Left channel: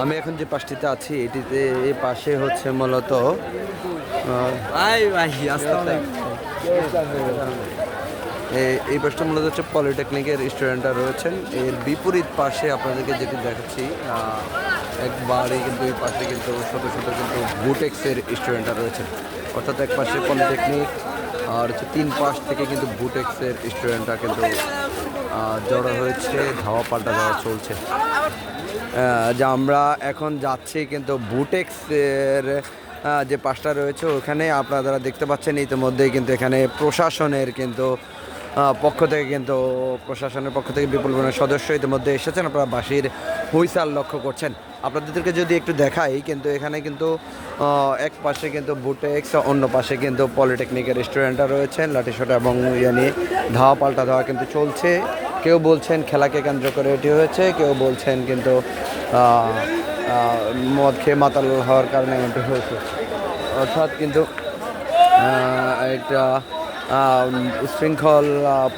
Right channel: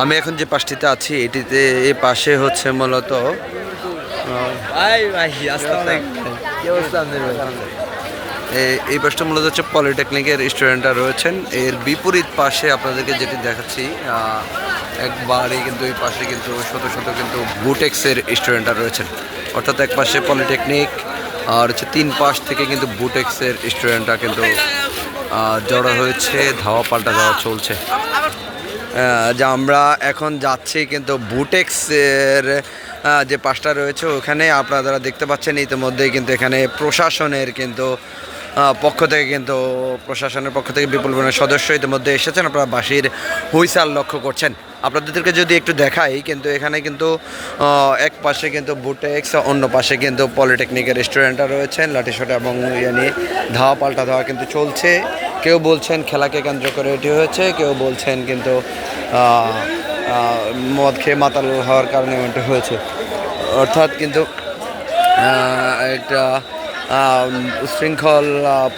আমি এখন যে পাশটিতে আছি এটিতে এই পাশে হচ্ছে মূলত? এ- এই পাশটা মূলত হচ্ছে পলিটেকনিকের স্টুডেন্টরা রয়েছেন এর বিপরীত পাশে আপনাদেরকে যেটি দেখাচ্ছি আহ, একবারে কিন্তু এই পাশে কিন্তু শত শত কিন্তু বুটেক্সের স্টুডেন্টরা রয়েছেন অর্থাৎ এক পাশে পলিটেকনিক আর হচ্ছে তিন পাশ থেকে কিন্তু বুটেক্সের স্টুডেন্টরা কিন্তু জড়ো হয়েছে, ধাওয়া পাল্টা ধাওয়া চলছে। যে আমরা এখন যাচ্ছি কিন্তু বুটেক্সের যে পাশটা রয়েছে, ওখানে আপনারা দেখতে পাচ্ছেন ইতিমধ্যেই কিন্তু এখানে প্রশাসনের কিন্তু পক্ষ থেকে কিন্তু প্রশাসনের পক্ষ থেকে বিপুল পরিমাণের সদস্য ইতিমধ্যে এসেছেন। আপনারা বাসির হুইসাল লক্ষ্য করছেন। আপনাদেরকে যদি একটু দেখাই, কিন্তু এখানে কিন্তু এক পাশে কিন্তু বুটেক্স অন্য পাশে কিন্তু পলিটেকনিকের স্টুডেন্টরা রয়েছেন। লাঠিসোটা এবং ইয়ানি ধাওয়া, পাল্টা ধাওয়া কিন্তু চলছে। কেউ বলছেন খেলাকে কেন্দ্র করে এটি হয়েছে, কেউ বলছেন কিন্তু মদ খেয়ে মাতাল হওয়ার কারণে এমনটা হয়েছে। অর্থাৎ কিন্তু একটা উচ্ছৃঙ্খল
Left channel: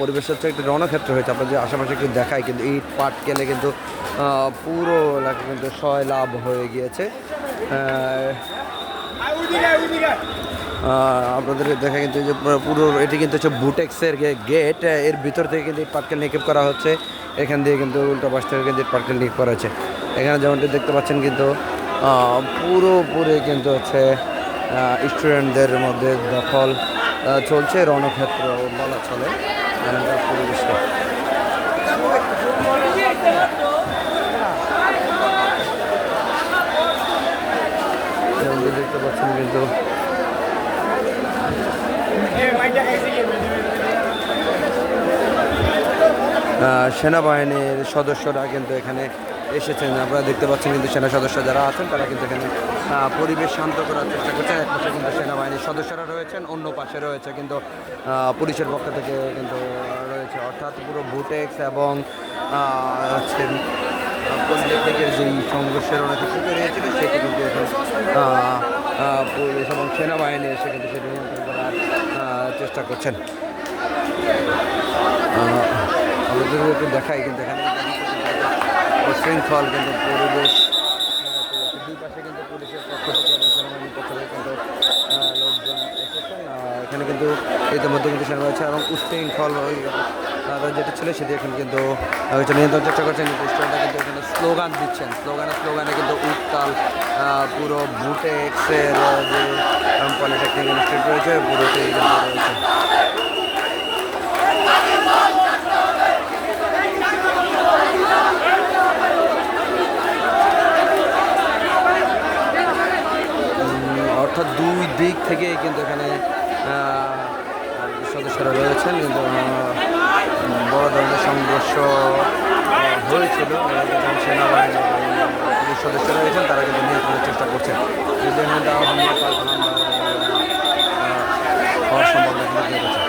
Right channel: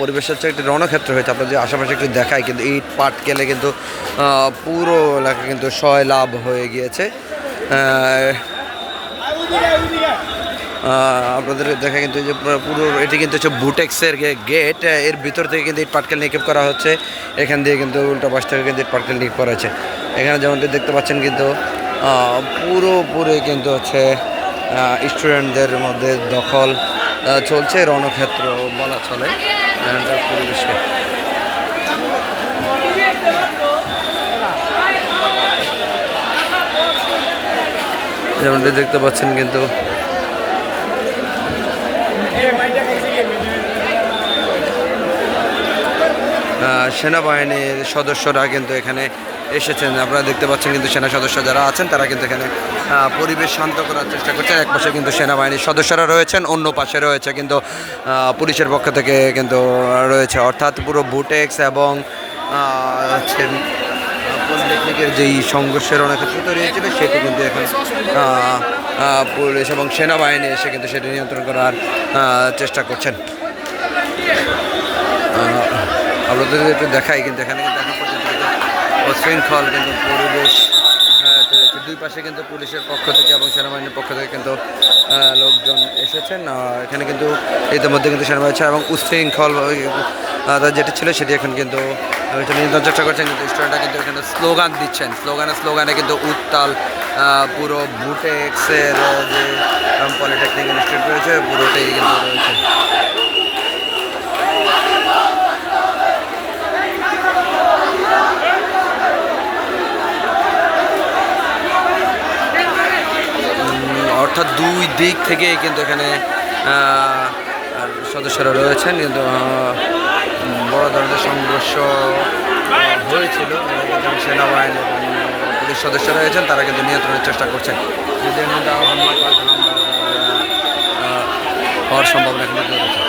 পরিবেশ হচ্ছে একটি রণক্ষেত্র হয়েছে। আপনার যে আশেপাশে একটু দেখায়, কিন্তু ইট পাট কেলে কিন্তু পুরো এলাকা কিন্তু লাভ হয়ে গিয়েছে। আপনাদের দেখা কিন্তু যে পুরো এটি কিন্তু হচ্ছে বুটেক্সের গেট। এর ভিতর থেকে কিন্তু ইট পাটকেল নিক্ষেপ করা হচ্ছে। এখান দিয়ে কিন্তু উল্টো পাশ থেকে কিন্তু ইট পাটকেল নিক্ষেপ করা হচ্ছে। এখানে যেমনটি দেখতে পাচ্ছেন কিন্তু পুরোপুরি কিন্তু হচ্ছে স্টুডেন্টদের মধ্যে দখল চলছে, রণক্ষেত্র বলা চলে পরিবেশকে। যেমনটি দেখতে পাচ্ছেন কিন্তু সেনাবাহিনীর সদস্যরা কিন্তু এখানে এসেছেন। আপনারা দেখতে পাচ্ছেন কিন্তু সেনা সদস্য যারা আছেন, তারা কিন্তু এখানে পরিবেশ শান্ত করার চেষ্টা করছেন। এক পাশে কিন্তু সেনাবাহিনীর সদস্যরা রয়েছেন, অন্য পাশে রয়েছে কিন্তু পুলিশের পক্ষ থেকে কিন্তু রয়েছে। অর্থাৎ পুরো বুটেক্স এবং যেই সংঘর্ষের অনেক কিছু তৈরি হয়েছিল সেটি কিন্তু এখন পুলিশ এবং সেনাবাহিনী এসে কিন্তু সেটি নিয়ন্ত্রণ করার চেষ্টা করছেন। আপনাদের একটু দেখাই কিন্তু এখানে কিন্তু উচ্ছৃঙ্খল কিন্তু পরিবেশ দুই পাশে কিন্তু পুলিশের পক্ষ থেকে এবং সেনাবাহিনীর পক্ষ থেকে কিন্তু লোকজন এসেছেন। এখানে কিন্তু ইতিমধ্যে কিন্তু সেনাবাহিনী এবং উচ্ছৃঙ্খল যেটি ছিল সেটি এখন কিন্তু নিয়ন্ত্রণ চেষ্টা করছেন কিন্তু স্টুডেন্টরা কিন্তু এখানে স্লোগান দিচ্ছেন। স্লোগানে স্লোগানে কিন্তু উত্তাল পুরো বুটেক্সের যে পলিটেকনিক ইনস্টিটিউট রয়েছে, পুরোটাই কিন্তু রয়েছে। অর্থাৎ দুই দিক থেকে কিন্তু এখানে সদস্যরা রয়েছেন, কিন্তু বড় ধরনের সংঘর্ষ হয়েছিল। এরা সেনাবাহিনী এবং পুলিশ সদস্যরা রয়েছেন, তারা কিন্তু নিয়ন্ত্রণের চেষ্টা করছেন। হামলা হওয়ার সম্ভাবনা রয়েছে।